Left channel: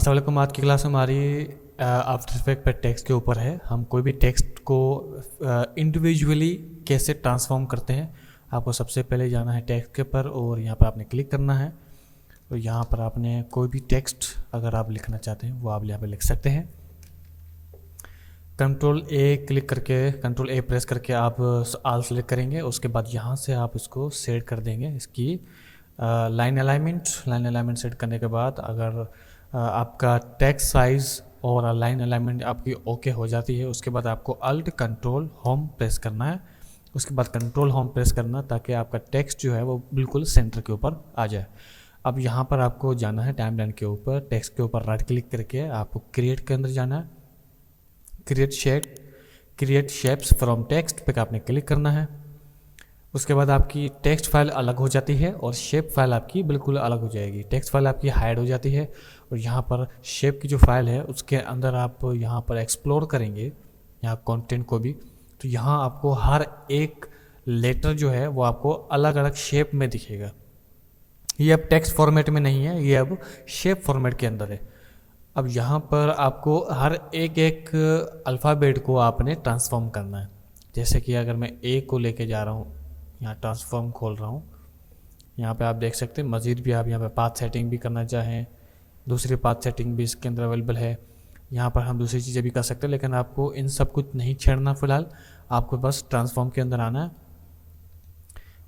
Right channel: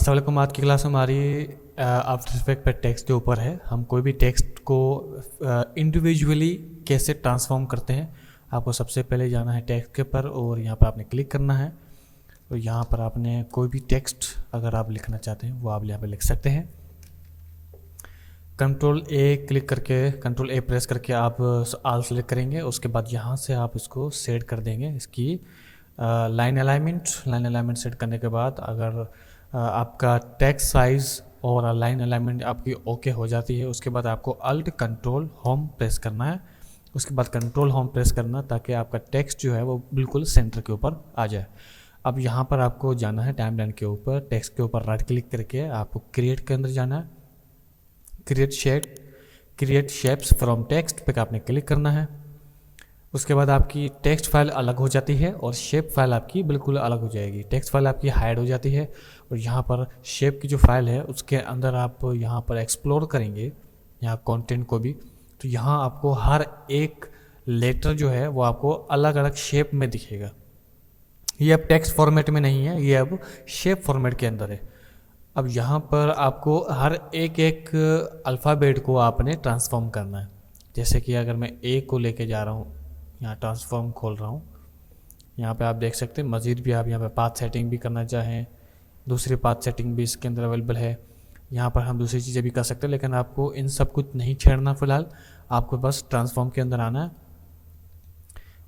अस्सलाम वालेकुम। आज की क्लास हमारी आफ्टर इफेक्ट पर टेक्स्ट के ऊपर है। हम कोई भी टेक्स्ट को इंडिविजुअली कैसे ट्रांसफॉर्म करते हैं। आपको सबसे पहले जाना है टेक्स्ट के ऊपर और यहाँ पर आपने क्लिक करना है। तो यहाँ पर आपने कोई भी टेक्स्ट अगर आप लिखना चाहते हैं वो आप यहाँ पर लिख सकते हैं। कंट्रोल ए प्रेस करके आप ऑल सेलेक्ट करेंगे। उसके बाद यहाँ से आप इसको सेट कर देंगे। इसकी लाइन अलाइनमेंट सेट करने के बाद अगर आपका टेक्स्ट साइज और लाइन अलाइनमेंट आपकी ओके हो जाती है, उसके बाद आपको अल्ट कंट्रोल होम प्रेस करना है। उसके बाद कंट्रोल होम प्रेस करना ताकि आपका टेक्स्ट जो है वो बिल्कुल सेंटर के ऊपर आ जाए। अब यहाँ पर आपको जाना है टाइमलाइन के ऊपर, टेक्स्ट के ऊपर राइट क्लिक करके आपको क्रिएट के अंदर जाना है। क्रिएट शेप्स फ्रॉम टेक्स्ट पे आपने क्लिक करना है। उसके बाद आपकी टेक्स्ट फाइल अलग हो जाती है और शेप फाइल आपकी बिल्कुल अलग हो जाएगी। टेक्स्ट फाइल आपकी हाइड हो जाती है और यहाँ पर शेप की जो फाइल है उसके अंदर आप यहाँ पर एक्सप्लोर करेंगे यहाँ कंटेंट को भी, तो यहाँ आपको हर एक लेटर जो है वो आपको अलग अलग शेप में दिखेगा। ये अब टेक्स्ट फॉर्मेट में नहीं है, ये अब शेप फॉर्मेट के अंदर है। अब यहाँ पर आपको हर एक अल्फ़ाबेट को आपने ट्रांसफॉर्म करना है। जैसे कि अगर मैं ए को लेके जा रहा हूँ, यहाँ ट्रांसफॉर्म खोल रहा हूँ, यहाँ पे आप देख सकते हैं। मज़ीद भी आप यहाँ पे पाथ सेटिंग भी करना चाहें, दूसरी पाथ सेटिंग भी इसके अंदर अवेलेबल है। यहाँ पर हम दूसरी चीज़ें भी कर सकते हैं, लेकिन आपको इन सब कुछ नहीं छेड़ना फ़िलहाल। आपको बस ट्रांसफॉर्म के अंदर आना है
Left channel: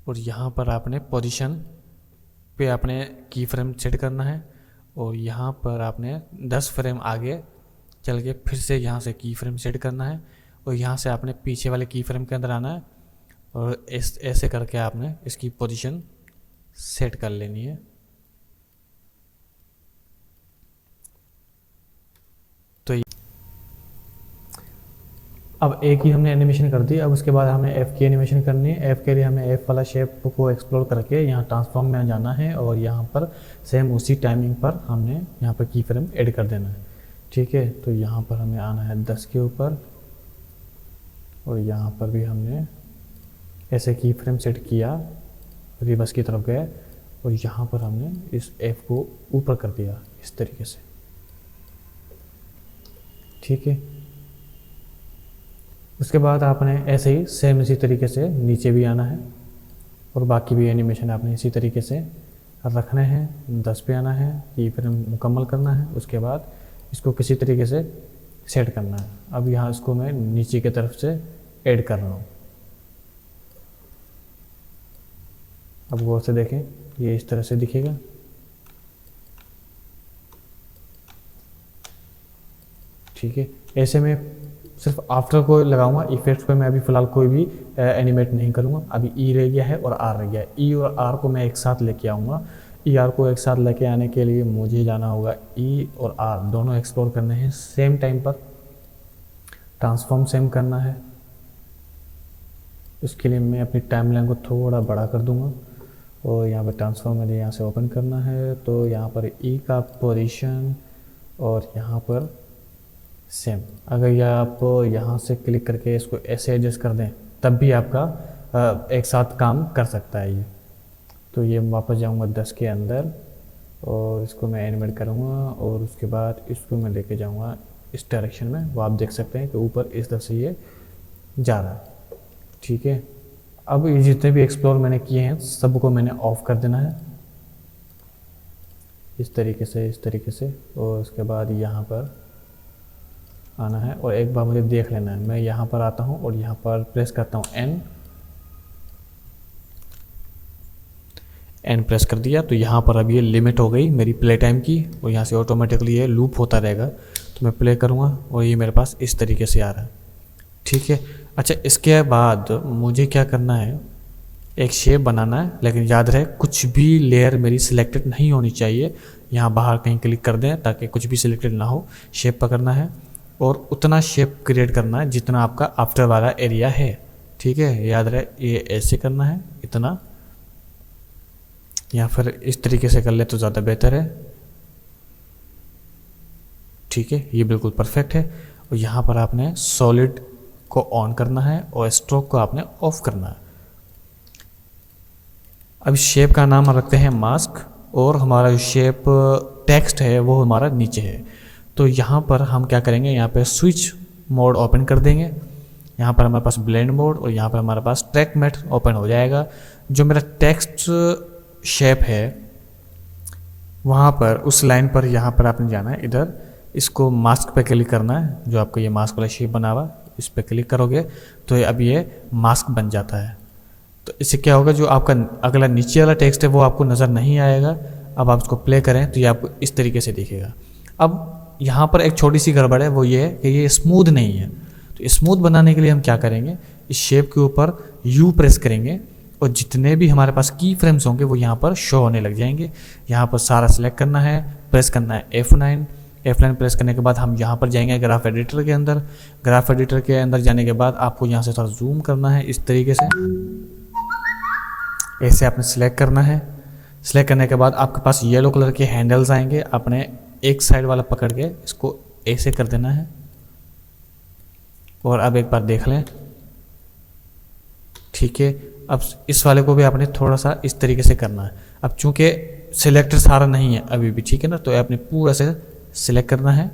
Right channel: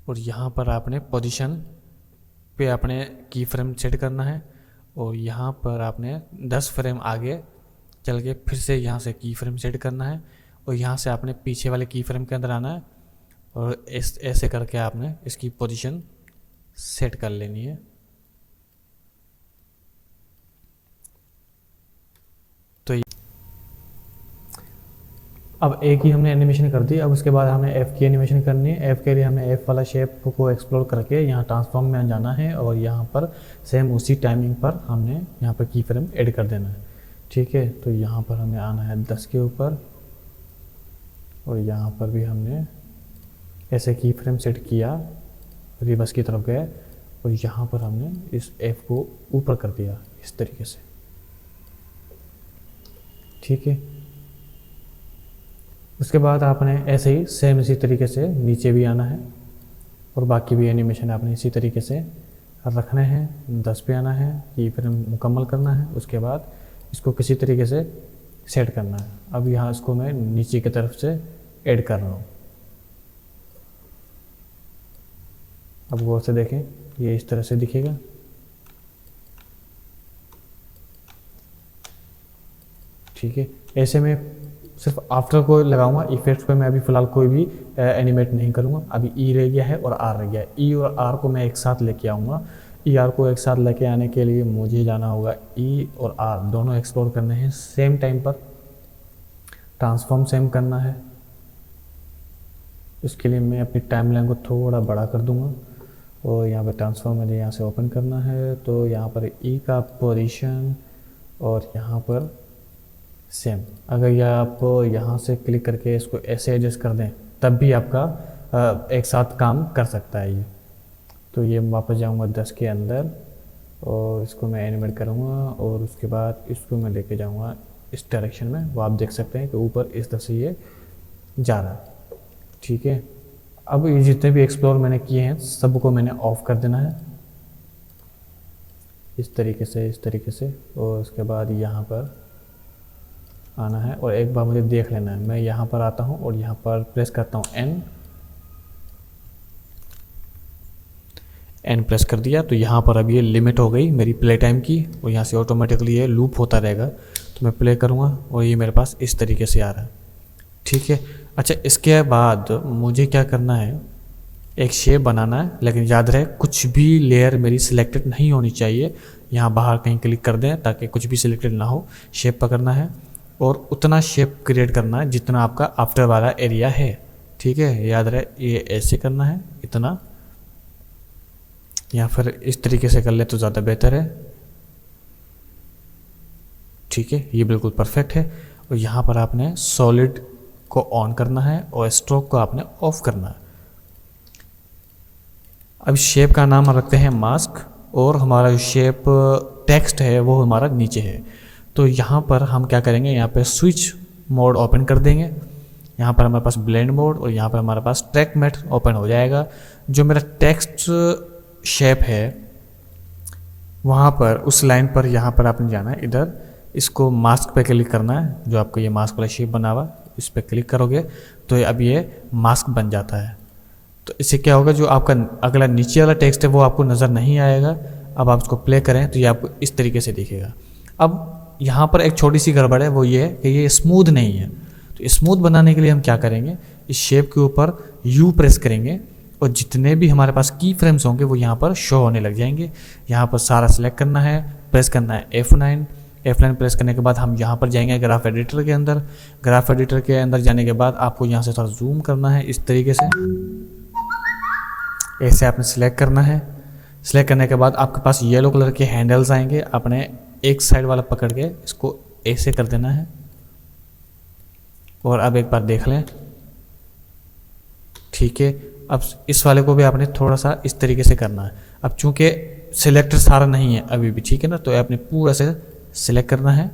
और यहाँ पर आपने पोजीशन पे अपने की फ्रेम सेट करना है और यहाँ पर आपने 10 फ्रेम आगे चल के फिर से यहाँ से की फ्रेम सेट करना है और यहाँ से आपने पीछे वाले की फ्रेम के अंदर आना है और ऐसे करके आपने इसकी पोजीशन सेट कर लेनी है। तो अब ए की हमने एनिमेशन कर दी। अब उसके बाद हमें एफ की एनिमेशन करनी है। एफ के लिए हमें एफ वाला शेप को एक्सप्लोर करके यहाँ ट्रांसफॉर्म में जाना है और यहाँ पर सेम उसी टाइमिंग पर हमने यहाँ पर की फ्रेम ऐड कर देना है। ठीक है, तो यहाँ पर हमें आना है 10 के ऊपर और यहाँ पर भी हमने ऐसे की फ्रेम सेट किया, रिवर्स की तरफ गए और यहाँ पर हमने इस एफ को ऊपर कर दिया इस तरीके से। ठीक है, उसके बाद आपने ऐसे ही सेम इसी तरीके से नीचे भी आना है और बाकी भी एनिमेशन आपने इसी तरीके से रखने हैं। 10 पे आना है, की फ्रेम मुकम्मल करना है, उसके बाद इसको किसी तरीके से सेट करना है। अब यहाँ इसको मैं नीचे की तरफ से ऐड कर रहा हूँ। अब गौर से देखें, ये इस तरह से दिखेगा। ठीक है, ऐसे में सिर्फ आफ्टर को लगाऊंगा, इफेक्ट्स पे मैं अभी फ़िलहाल कोई भी एनिमेट नहीं करूंगा। अभी ई रह गया है और आर रह गया है। ई और आर को मैं एक साथ लेके आऊँगा। ई आर को एक साथ लेके आने के लिए मुझे जाना होगा ई और आर दोनों एक्सप्लोर करने हैं सेम टाइम पर। ट्रांसफॉर्म सेम करना है, इसके लिए मैं अपनी टाइमलाइन को थोड़ा बड़ा कर दूंगा और यहाँ पर ट्रांसफॉर्म मुझे यहाँ से ओपन करना है। तो यहाँ पर ई का पोजीशन और यहाँ पर सेम, अगर ये आपको यहाँ से क्लिक करके इसको ऐसे एडजस्ट कर दें तब भी आपका एक साथ काम कर सकता है ये। तो ये वापस जाऊँगा 10 के अंदर और इसको मैं एनिमेट करूँगा और उसके बाद इसको मैं लेके जाऊँगा इस डायरेक्शन में। वो आप देख सकते हैं कि ऊपर इस तरह से ये जा रहा है। ठीक है, अब ये जितने भी एक्सप्लोर मैंने किए हैं सबको मैंने ऑफ कर देना है इस तरीके से और उसके बाद यहाँ पर आना है और एक बार मुझे देख लेना है। मैं यहाँ पर आता हूँ और यहाँ पर प्रेस करता हूँ एन प्रेस कर दिया। तो यहाँ पर अब ये लिमिट हो गई मेरी प्ले टाइम की और यहाँ से ऑटोमेटिकली ये लूप होता रहेगा। तो मैं प्ले करूँगा और ये मेरे पास इस तरीके से आ रहा है। ठीक है, अच्छा इसके बाद मुझे क्या करना है, एक शेप बनाना है, लेकिन याद रहे कुछ भी लेयर मेरी सिलेक्टेड नहीं होनी चाहिए। यहाँ बाहर कहीं क्लिक कर दें ताकि कुछ भी सिलेक्टेड ना हो। शेप पकड़ना है और उतना शेप क्रिएट करना है जितना आपका आफ्टर वाला एरिया है। ठीक है, याद रहे ये ऐसे करना है इतना, या फिर इस तरीके से कर ले तो ज़्यादा बेहतर है। ठीक है, ये बिल्कुल परफेक्ट है। और यहाँ पर आपने सॉलिड को ऑन करना है और स्ट्रोक को आपने ऑफ करना है। अब शेप का नाम रखते हैं मास्क और हमारा जो शेप टेक्स्ट है वो हमारा नीचे है। तो यहाँ पर हम क्या करेंगे, यहाँ पे स्विच मोड ओपन कर देंगे। यहाँ पर हमारे पास ब्लेंड मोड और यहाँ पर हमारे पास ट्रैक मैट ओपन हो जाएगा। जो मेरा टेक्स्ट शेप है वहाँ पर उस लाइन पर यहाँ पर आपने जाना है, इधर इसको मास्क पे क्लिक करना है। जो आपका ये मास्क वाला शेप बना हुआ इस पर क्लिक करोगे तो अब ये मास्क बन जाता है। तो इससे क्या होगा, जो आपका अगला नीचे वाला टेक्स्ट है वो आपको नज़र नहीं आएगा। अब आप उसको प्ले करें तो ये आपको इस तरीके से दिखेगा। अब यहाँ पर एक छोटी सी गड़बड़ है, वो ये है कि ये स्मूथ नहीं है। तो स्मूथ बनाने के लिए हम क्या करेंगे, इस शेप के ऊपर यू प्रेस करेंगे और जितने भी हमारे पास की फ्रेम्स होंगे वो यहाँ पर शो होने लग जाएंगे। यहाँ पर सारा सिलेक्ट करना है, प्रेस करना है F9 प्रेस करने के बाद हम यहाँ पर जाएंगे ग्राफ एडिटर के अंदर। ग्राफ एडिटर के अंदर जाने के बाद आपको यहाँ से थोड़ा जूम करना है, इस तरीके से ऐसे आपने सिलेक्ट करना है। सिलेक्ट करने के बाद आपके पास येलो कलर के हैंडल्स आएंगे, अपने एक साइड वाला पकड़ के इसको ऐसे कर देना है। और अब एक बार देख लें, ठीक है। अब इस वाले को भी आपने थोड़ा सा इस तरीके से करना है। अब चूंकि सिलेक्टर सारा नहीं है अभी भी, ठीक है ना, तो आपने पूरा से सिलेक्ट करना है।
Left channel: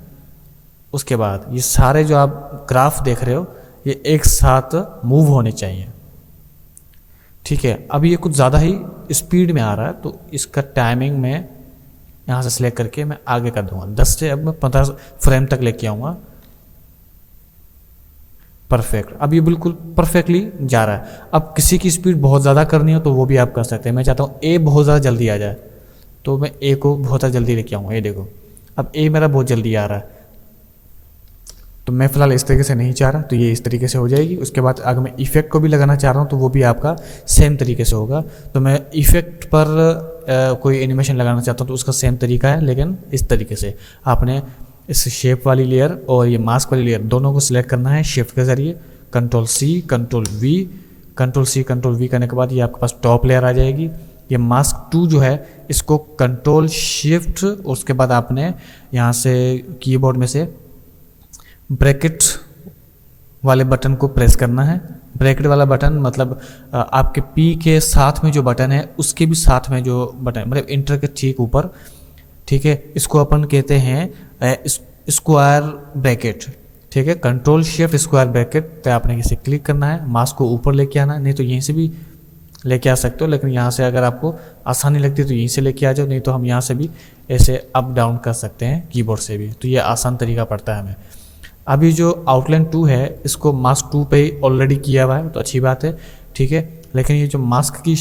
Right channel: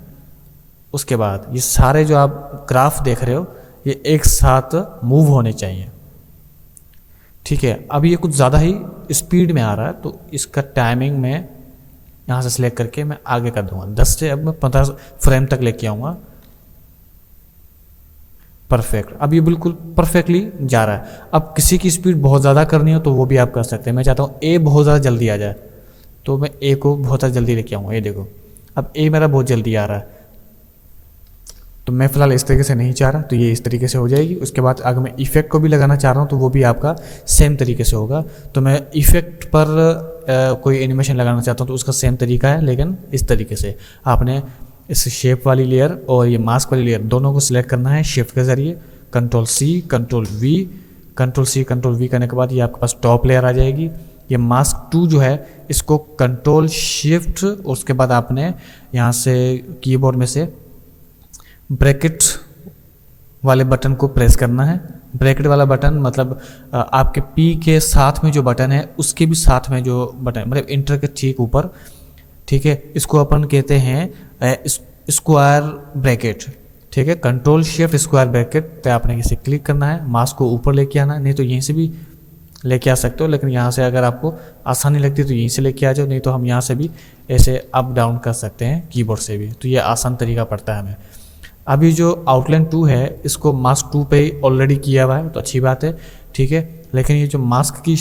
उसके बाद ये सारे जो आप ग्राफ देख रहे हो ये एक साथ मूव होने चाहिए, ठीक है। अभी ये कुछ ज़्यादा ही स्पीड में आ रहा है तो इसका टाइमिंग में यहाँ से सिलेक्ट करके मैं आगे कर दूंगा 10 से अब मैं 15 फ्रेम तक लेके आऊँगा। परफेक्ट, अब ये बिल्कुल परफेक्टली जा रहा है। अब किसी की स्पीड बहुत ज़्यादा करनी हो तो वो भी आप कर सकते हैं। मैं चाहता हूँ ए बहुत ज़्यादा जल्दी आ जाए तो मैं ए को बहुत ज़्यादा जल्दी लेके आऊँगा। ये देखो अब ए मेरा बहुत जल्दी आ रहा है, तो मैं फिलहाल इस तरीके से नहीं चाह रहा, तो ये इस तरीके से हो जाएगी। उसके बाद अगर मैं इफेक्ट को भी लगाना चाह रहा हूँ तो वो भी आपका सेम तरीके से होगा। तो मैं इफेक्ट पर कोई एनिमेशन लगाना चाहता हूँ तो उसका सेम तरीका है, लेकिन इस तरीके से आपने इस शेप वाली लेयर और ये मास्क वाली लेयर दोनों को सिलेक्ट करना है शिफ्ट के जरिए। कंट्रोल सी कंट्रोल वी करने के बाद ये आपके पास टॉप लेयर आ जाएगी। ये मास्क 2 जो है इसको कंट्रोल शिफ्ट, उसके बाद आपने यहाँ से कीबोर्ड में से ब्रैकेट वाले बटन को प्रेस करना है। ब्रैकेट वाला बटन मतलब आपके पी के साथ में जो बटन है उसके भी साथ में जो बटन, मतलब इंटर के ठीक ऊपर, ठीक है। इसको अपन कहते हैं स्क्वायर ब्रैकेट, ठीक है। कंट्रोल शिफ्ट स्क्वायर ब्रैकेट पे आपने इसे क्लिक करना है, माउस को ऊपर लेके आना है, नहीं तो यहीं से भी लेके आ सकते हो, लेकिन यहाँ से अगर आपको आसानी लगती है तो यहीं से लेके आ जाओ, नहीं तो हम यहाँ से भी ऐसे अप डाउन कर सकते हैं कीबोर्ड से भी, तो ये आसान तरीका पड़ता है हमें। अभी जो आउटलाइन 2 है इसको मास्क 2 पे ऑलरेडी किया हुआ है तो अच्छी बात है, ठीक है। लेकिन ये जो मास्क की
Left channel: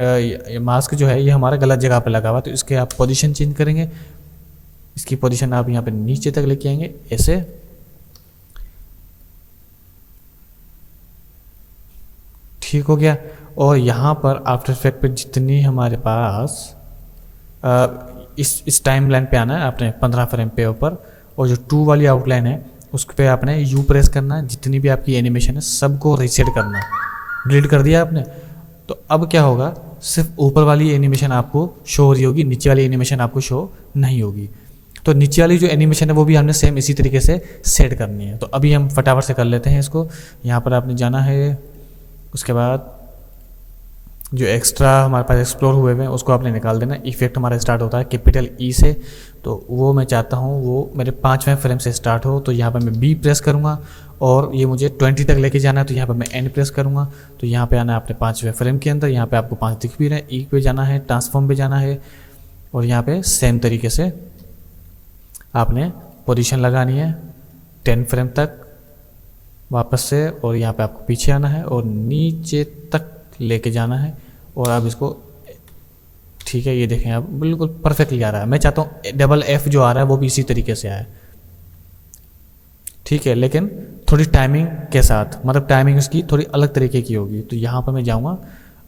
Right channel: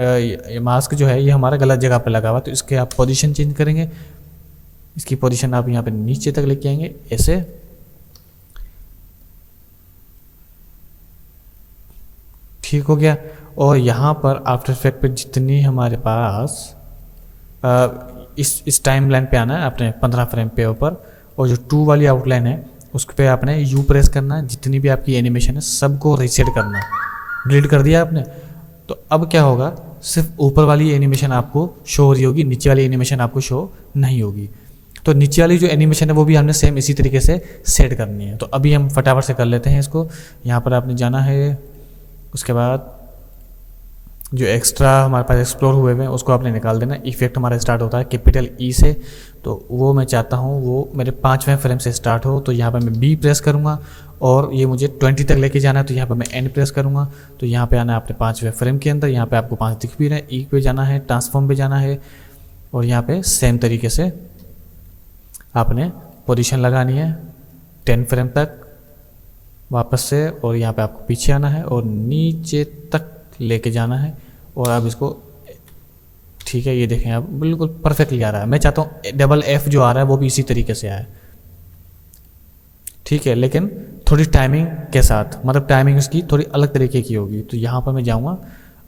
ये मास्क जो है ये हमारा गलत जगह पे लगा हुआ है, तो इसके आप पोजीशन चेंज करेंगे। इसकी पोजीशन आप यहाँ पे नीचे तक लेके आएंगे ऐसे, ठीक हो गया। और यहाँ पर आफ्टर इफेक्ट पे जितनी हमारे पास इस टाइम लाइन पे आना है आपने 15 फ्रेम पे ऊपर, और जो 2 वाली आउटलाइन है उस पर आपने यू प्रेस करना है। जितनी भी आपकी एनिमेशन है सबको रीसेट करना है। डिलीट कर दिया आपने तो अब क्या होगा, सिर्फ ऊपर वाली एनिमेशन आपको शो हो रही होगी, नीचे वाली एनिमेशन आपको शो नहीं होगी। तो नीचे वाली जो एनिमेशन है वो भी हमने सेम इसी तरीके से सेट करनी है। तो अभी हम फटाफट से कर लेते हैं इसको। यहाँ पर आपने जाना है, उसके बाद जो एक्स्ट्रा हमारे पास एक्सप्लोर हुए हैं उसको आपने निकाल देना। इफेक्ट हमारा स्टार्ट होता है कैपिटल ई से, तो वो मैं चाहता हूँ वो मेरे 5वें फ्रेम से स्टार्ट हो। तो यहाँ पर मैं बी प्रेस करूँगा और ये मुझे 20 तक लेके जाना है, तो यहाँ पर मैं एन प्रेस करूँगा। तो यहाँ पे आना है आपने 5वें फ्रेम के अंदर, यहाँ पे आपको 5 दिख भी रहा है। ई पे जाना है, ट्रांसफॉर्म पे जाना है और यहाँ पे सेम तरीके से आपने पोजीशन लगानी है 10 फ्रेम तक वापस से, और यहाँ पे आपको पीछे आना है और नीचे तक लेके जाना है। और आप इसको, ठीक है, ये देखें आप बिल्कुल परफेक्टली आ रहा है। मैं चाहता हूँ डबल एफ जो आ रहा है वो भी इसी तरीके से आए, ठीक है, लेकिन थोड़ी टाइमिंग के साथ, मतलब टाइमिंग उसकी थोड़ी अलग तरीके की होगी। तो यहाँ पर मैं जाऊँगा,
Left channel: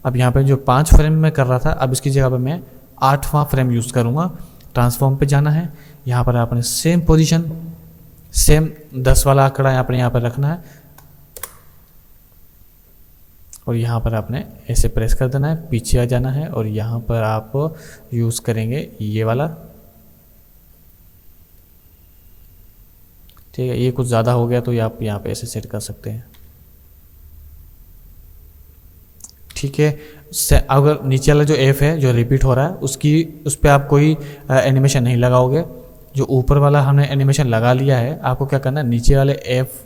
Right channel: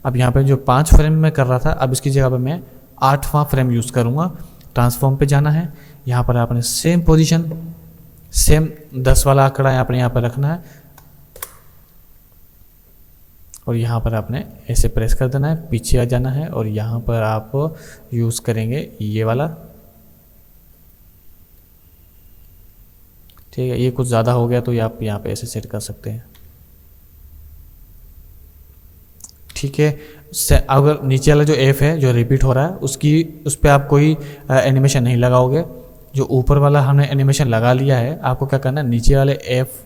अब यहाँ पे जो 5 फ्रेम में कर रहा था अब इसकी जगह पर मैं 8वां फ्रेम यूज़ करूँगा। ट्रांसफॉर्म पे जाना है, यहाँ पर आपने सेम पोजीशन, सेम 10 वाला आंकड़ा यहाँ पर रखना है और यहाँ पर आपने ऐसे प्रेस कर देना है, पीछे आ जाना है और यहाँ पर आप यूज़ करेंगे ये वाला, ठीक है। ये कुछ ज़्यादा हो गया तो आप यहाँ पे ऐसे सेट कर सकते हैं, ठीक है। अगर नीचे वाला जो एफ है जो रिपीट हो रहा है उस पर आप कोई एनिमेशन नहीं लगाओगे। जो ऊपर वाला हमने एनिमेशन लगा लिया है, आपको क्या करना है, नीचे वाले एफ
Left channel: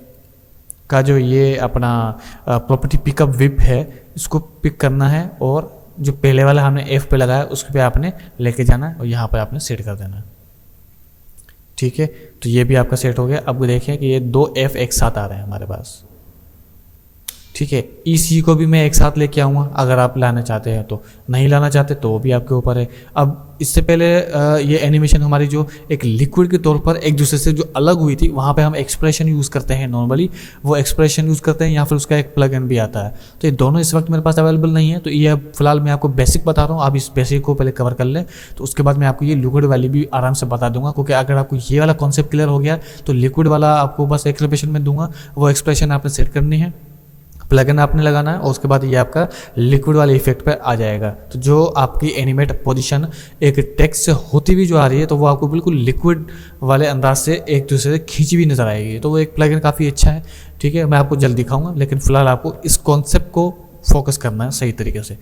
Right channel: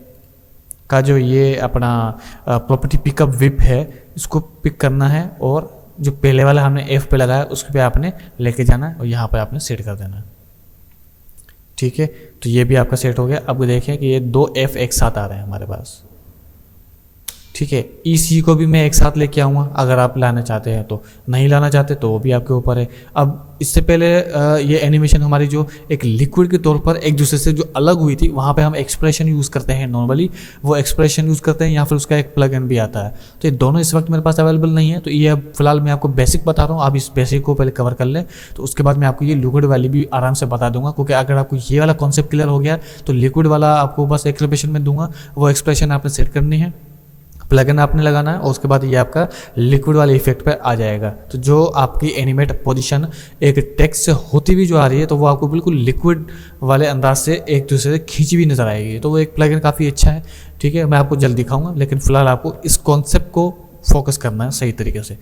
का जो ये अपना प्रॉपर्टी पिकअप विप है इसको पिक करना है, और जो पहले वाला हमने एफ पे लगाया उस पे आपने लेके जाना है और यहाँ पर आपने सेट कर देना है। ठीक है, तो ये भी आपका सेट हो गया। अब देखें कि ये 2 एफ एक साथ आ रहे हैं हमारे पास। ठीक है, इसी को भी मैं एक साथ लेके आऊँगा अगर आप लाना चाहते हैं तो, नहीं लाना चाहते तो वो भी आपके ऊपर है। अब इससे पहले ये एनिमेशन हमारी जो एक लिक्विड के तौर पर एक दूसरे से जो अलग हुई थी, वहाँ पे हम एक्सप्रेशन यूज़ करते हैं नॉर्मली, वो एक्सप्रेशन यूज़ करते हैं या फिर उसका एक प्लगइन भी आता है। तो ये दोनों इस वक्त मेरे पास अवेलेबल नहीं है, तो ये अब फिलहाल मैं आपको बेसिक बता रहा हूँ, आप इस बेसिक को पहले कवर कर ले, तो उसके बाद मैं आपको ये लिक्विड वाली भी आराम से बता दूंगा। क्योंकि अगर आपको ये वाला कॉन्सेप्ट क्लियर हो गया तो लिक्विड वाला आपको बस एक्सप्रेशन में दूंगा, वो एक्सप्रेशन आपने सेट करनी है, प्लगइन आपने लगाना है और उसके बाद ये आपका लिक्विड वाले इफेक्ट पे आ जाएगा। तो जो आपकी एनिमेट पोजीशन एक टेक्स्ट से होती हुई जो आ रही है, तो वो आपको बिल्कुल लिक्विड वाले अंदाज से एक दूसरे से खींची हुई नजर आएगी। तो वो एक प्लगइन काफ़ी अच्छा है। ठीक है, मैं आपको जल्द दिखाऊंगा, लेकिन फिलहाल आपको इस कॉन्सेप्ट को फोकस करना है सही तरीके से।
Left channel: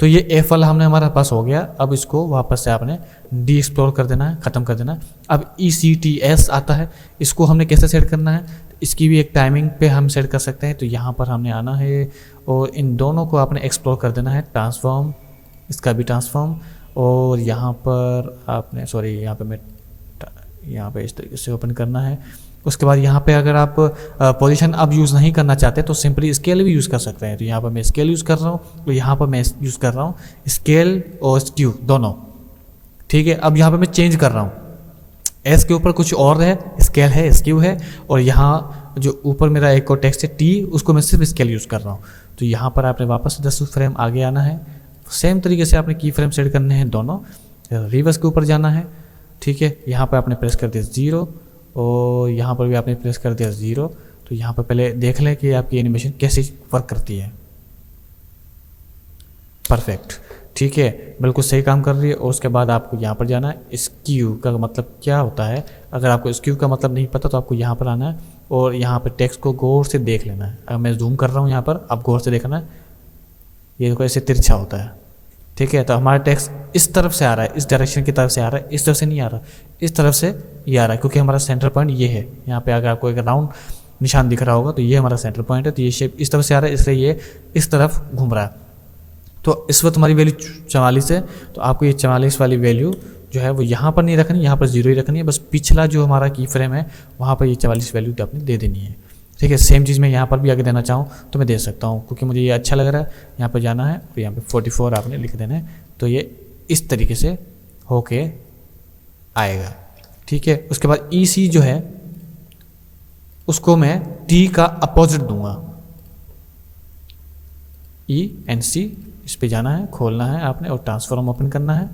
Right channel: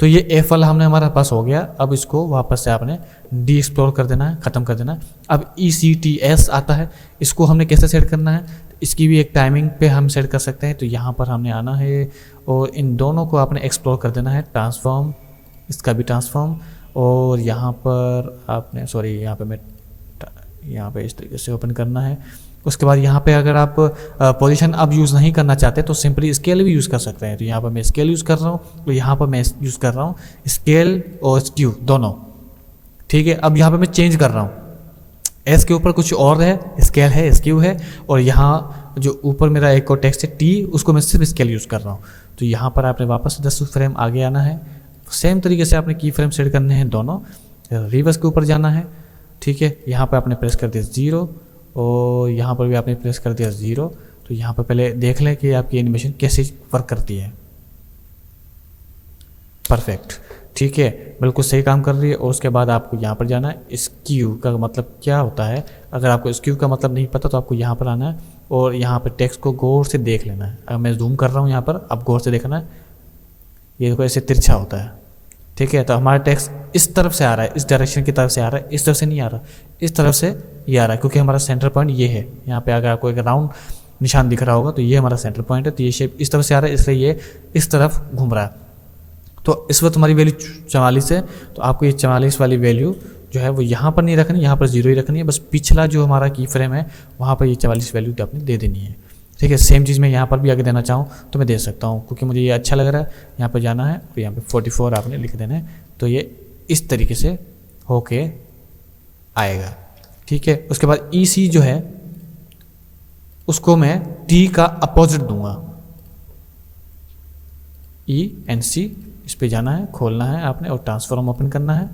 तो ये एफ वाला हमने हमारे पास हो गया। अब इसको वापस से आपने डी एक्सप्लोर कर देना है, ख़त्म कर देना है। अब ECTS आता है, इसको हमने कैसे सेट करना है, इसकी भी एक टाइमिंग पे हम सेट कर सकते हैं। तो यहाँ पर हमने आना है और इन दोनों को आपने एक्सप्लोर कर देना है, ट्रांसफॉर्म, इसका भी ट्रांसफॉर्म, और यहाँ पर आपने यहाँ पे इस तरीके से ओपन करना है। उसके बाद यहाँ पे अगर आप पोजीशन अब यूज़ नहीं करना चाहते तो सिंपली स्केल भी यूज़ कर सकते हैं। तो यहाँ पर मैं स्केल यूज़ कर रहा हूँ, तो यहाँ पर मैं यूज़ कर रहा हूँ स्केल और स्क्यू दोनों। ठीक है, अब यहाँ पे मैं चेंज कर रहा हूँ, एस के ऊपर कुछ और है, स्केल है, स्क्यू है, और यहाँ जो ऊपर मेरा एक और टेक्स्ट है टी, उसको मैं सिर्फ स्केल यूज़ कर रहा हूँ। तो यहाँ पर आपने वापस 10 फ्रेम आगे आना है, सेम तरीके से आपने की फ्रेम सेट करने हैं दोनों, रिवर्स के ऊपर जाना है। ठीक है, यहाँ पर आपने प्रेस कर दिया 0 और यहाँ पर भी आपने प्रेस कर दिया 0। तो यहाँ पर पहले देख लें कि आपकी एनिमेशन कैसे वर्क करती है। परफेक्ट, ठीक है, बिल्कुल सही काम कर रही है। और उसके बाद आपको यहाँ पर जाना है, स्क्यू का मतलब क्या होता है। अगर आपको स्क्यू का मतलब नहीं पता तो आपको यहाँ पर आना है और यहाँ पर टेक्स्ट को गौर से देख लेना है। अगर मैं जूम कर रहा हूँ यहाँ पर, अब गौर से देखना है, ये देखो ऐसे तिरछा होता है। ठीक है, तो हमारा टेक्स्ट इस तरफ से आ रहा है, इस डायरेक्शन की तरफ से आ रहा है, इस तरफ से नहीं आ रहा, इस तरफ से ये आ रहा है, क्योंकि हमारा सेंटर पॉइंट ये है। यहाँ पे अगर आपको एक राउंड निशान दिख रहा होगा तो ये हमारा सेंटर पॉइंट है। तो ये शेप इस तरफ से आ रहा है, इसलिए ये इस तरफ घूम रहा है। तो इस वक्त हमारी वैल्यू 44 है, तो आपको ये 44 वाली वैल्यू जो है वो यहाँ पर नहीं रखनी, यहाँ पर 0 ही रखनी है। बस पिछला जो हमारा की फ्रेम है वहाँ पर ये 44 वैल्यू आपने दे देनी है। ठीक है, सेम चीज़ मैं यहाँ पर भी आगे देना चाहूँ तो मैं दे सकता हूँ, क्योंकि मुझे ये अच्छा लग रहा है। यहाँ पर जाना है और यहाँ पे 44 आपने लिख देना है, तो ये इस तरीके से होके आएगा। ठीक है, उसके बाद EC जो है उसको मैं T का अपोजिट दूंगा, ENC, इस पे जाना है, खोलना है आपने और ट्रांसफॉर्म ओपन करना है।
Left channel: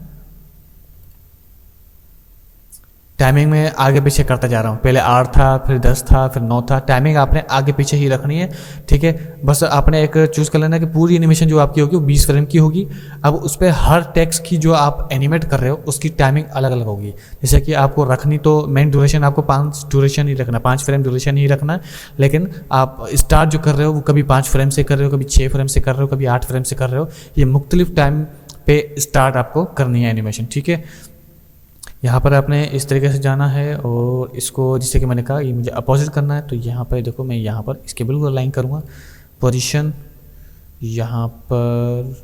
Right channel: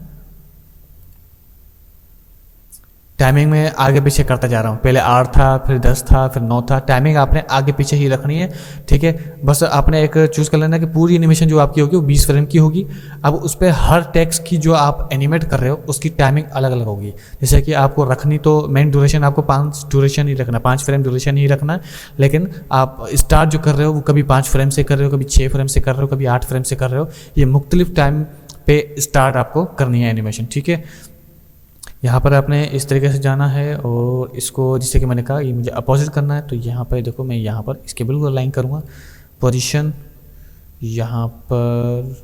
टाइमिंग में आगे पीछे करता जा रहा हूँ, पहले 8 था, फिर 10 था, फिर 9 था। टाइमिंग आपने आगे पीछे ही रखनी है। ठीक है, बस आपने एक चूज कर लेना है कि पूरी एनिमेशन जो आपकी होगी वो 20 फ्रेम की होगी। अब उस पर हर टेक्स्ट की जो आप एनिमेट कर रहे हो उसकी टाइमिंग अलग अलग होगी। जैसे कि आपको रखनी तो मेन ड्यूरेशन आपको 5 ड्यूरेशन ही रखना, 5 फ्रेम ड्यूरेशन ही रखना है। लेकिन आप स्टार्ट जो कर रहे हो वो कभी 5 फ्रेम से कर रहे हो, कभी 6 फ्रेम से कर रहे हो, कभी 8 फ्रेम से कर रहे हो। ये मुख्तलिफ टाइम पे स्टार्ट आपको करनी है एनिमेशन। ठीक है, यहाँ पर आपने इस तरीके से जाना है और इसको, जिससे कि मैंने कहा ये मुझे अपोजिट करना है, तो यहाँ पर देखो मैं यहाँ पर इसके बिल्कुल अलाइन करूँगा। पोजीशन यहाँ पर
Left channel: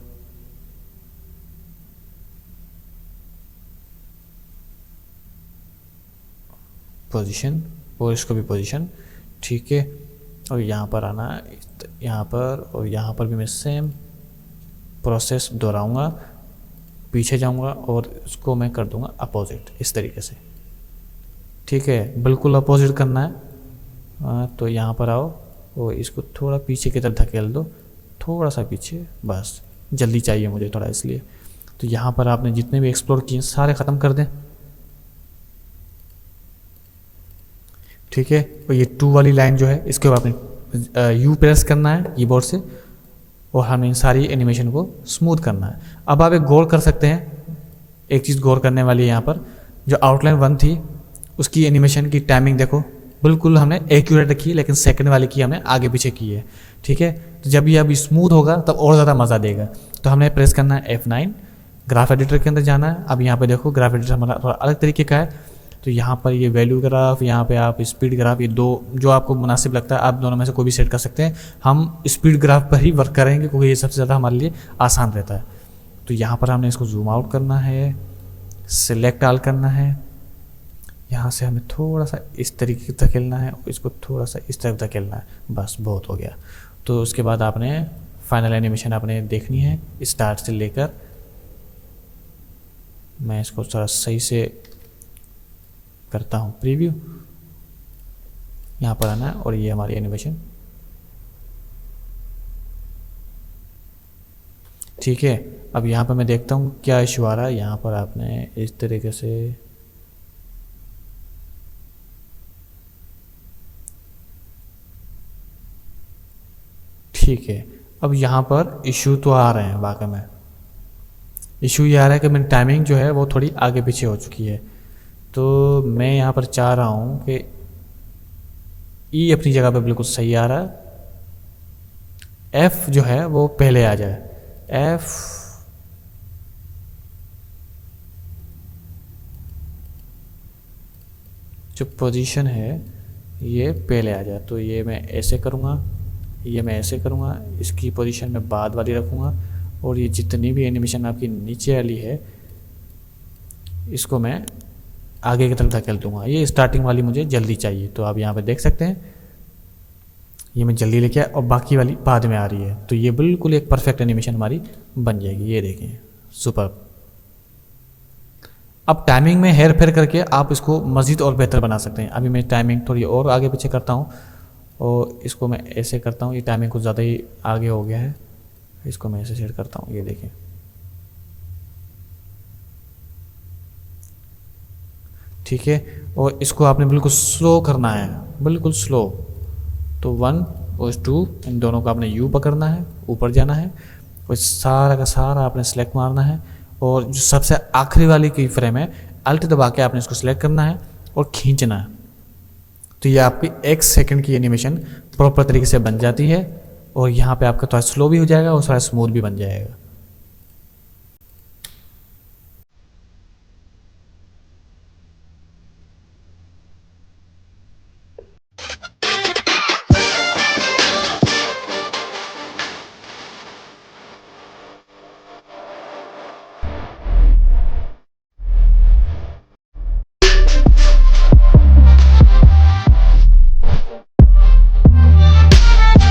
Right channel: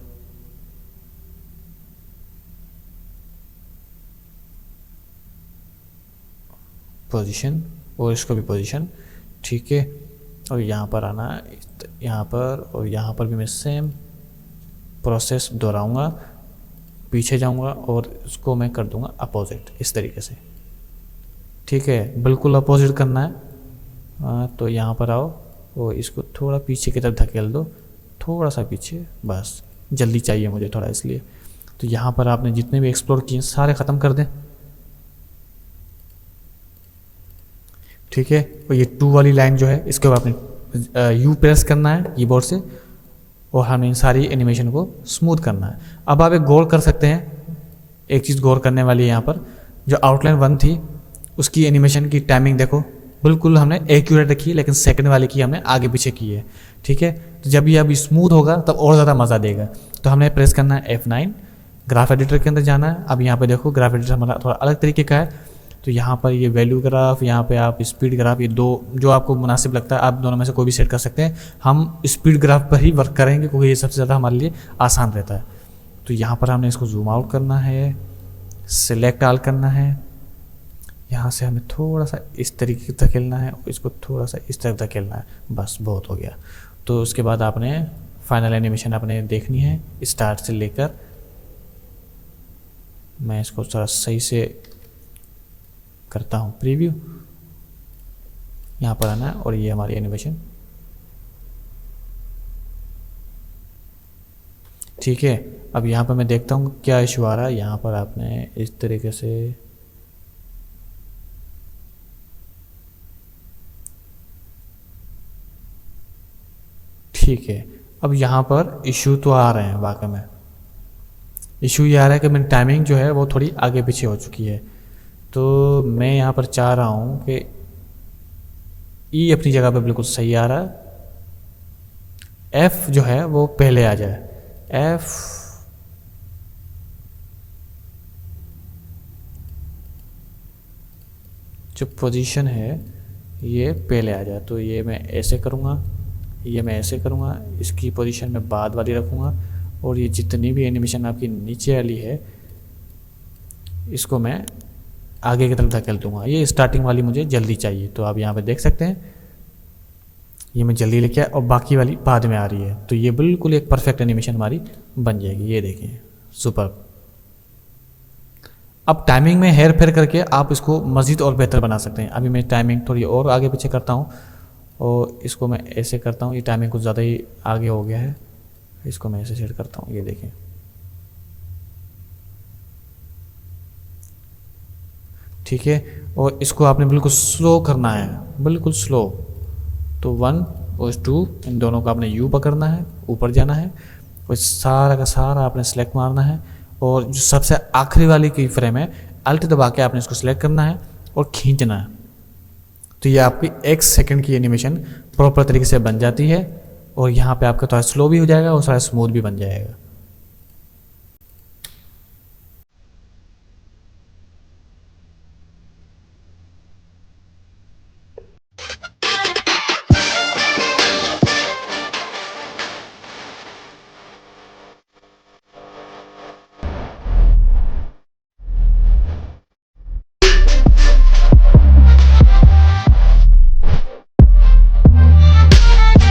पोजीशन और इसको भी पोजीशन। ठीक है, और यहाँ पर आना है, यहाँ पर और यहाँ पर भी मैं सेम प्रोसेस दोहराऊँगा, पीछे जाऊंगा और इसको मैं कर दूंगा अपोजिट इस तरीके से। ठीक है, बिल्कुल अपोजिट करना है। तो यहाँ पर आओ और इसको थोड़ा पीछे की तरफ धकेल दो, थोड़ा सा पीछे, बस जल्दी चाहिए मुझे थोड़ा इसलिए। तो यहाँ पर आपने जितने भी एक्सप्लोर किए सारे ख़त्म कर दें। ठीक है, और ये 2 वाली लाइन जो है इसके बाद आपने U प्रेस करना है कीबोर्ड से और हमें इन सारी एनिमेशन को स्मूथ करना है। अब आप एक गौर कर सकते हैं, एक चीज़ गौर करने वाली है यहाँ पर, जो आउटलाइन 1 थी उसकी एनिमेशन की टाइमिंग देखो बिल्कुल हमने एक्यूरेट रखी है, लेकिन सेकंड वाली की हमने आगे पीछे की है। ठीक है। तो जब ये अब स्मूथ होगा तब और ज़्यादा मज़ा देगा। तो हमने प्रेस करना है F9, ग्राफ एडिटर के अंदर जाना है। अब यहाँ पे देखो ग्राफ एडिटर हमारा थोड़ा अलग तरीके का है। तो यहाँ पर ये वैल्यू ग्राफ, यहाँ पे आप स्पीड ग्राफ, ये दो जो आपको मुनासिब लगता है आप दोनों में से कोई भी सेट कर सकते हैं। हम स्पीड ग्राफ पर ही वर्क करेंगे क्योंकि ये सबसे ज़्यादा हमारे लिए आसान रहता है। तो यहाँ पर हमने इसको जूम आउट करना है, सिलेक्ट ऑल करना है, यहाँ से हमें थोड़ा सा इस तरीके से धकेलना है और इसको थोड़ा सा इस तरफ धकेलना है, बस बहुत हो गया। तो उसके बाद आपने फाइनल एनिमेशन आपने देखनी है स्टार्ट से लेकर। मैं इसको थोड़ा सही से करता हूँ प्रीव्यू, यहाँ पर आना है और ये हमारी एनिमेशन, ठीक है। अब यहाँ पर मैं देखता हूँ क्या इशू आ रहा है। यहाँ पर आपने इस तरीके से ठीक है। अब यहाँ पर इशू तो आ रहे हैं, वाकई में इशू ये आ रहा है कि मेरी टाइमिंग जो है वो थोड़ी आगे पीछे हो चुकी है। तो मैं यहाँ पर चाह रहा हूँ कि ई अपनी जगह पे बिल्कुल सही आ रहा है, एफ जो है वो पहले आ जाए, एफ जो पोजीशन है ये पहले आ जाए। तो ये मैं ऐसे करूँगा, ये मैं ऐसे करूँगा, इसकी पोजीशन में बाद वाली रखूँगा और ये जितनी भी एनिमेशन आपकी नीचे वाली है इसको मैं आगे की तरफ धकेल दूँगा। ये स्टार्टिंग वाली मुझे जल्दी चाहिए, तो आप यहाँ पे देख सकते हैं ये मैं जल्दी लेके आया और बाकी वाली बाद में आ रही है। तो ये बिल्कुल एक परफेक्ट एनिमेशन हमारी बन जाएगी। ये देखिए सुपर। अब टाइमिंग में हेर फेर करके आप इसको मज़ीद और बेहतर बना सकते हैं। अभी मैं टाइमिंग थोड़ी और आगे पीछे करता हूँ, तो इसको मैं ऐसे करता हूँ, ये टाइमिंग कुछ ज़्यादा ही आगे हो गया है, इसको मैं ऐसे सेट करता हूँ। ये देखिए ठीक है। और इसको आपने बिल्कुल स्लो करना है, बिल्कुल स्लो। तो 1 और 2 इन दोनों को आपने यू पकड़ना है, ऊपर जाना है और सारा का सारा आपने सेलेक्ट मारना है और जो सबसे आखिरी वाली की फ्रेम है अल्ट दबा के आपने इसको सिलेक्ट करना है और खींचना है। तो ये आपकी 1 सेकंड की एनिमेशन प्रॉपर तरीके से बन जाती है और यहाँ पे आपका थोड़ा स्लो भी हो जाएगा और थोड़ा स्मूथ भी बन जाएगा।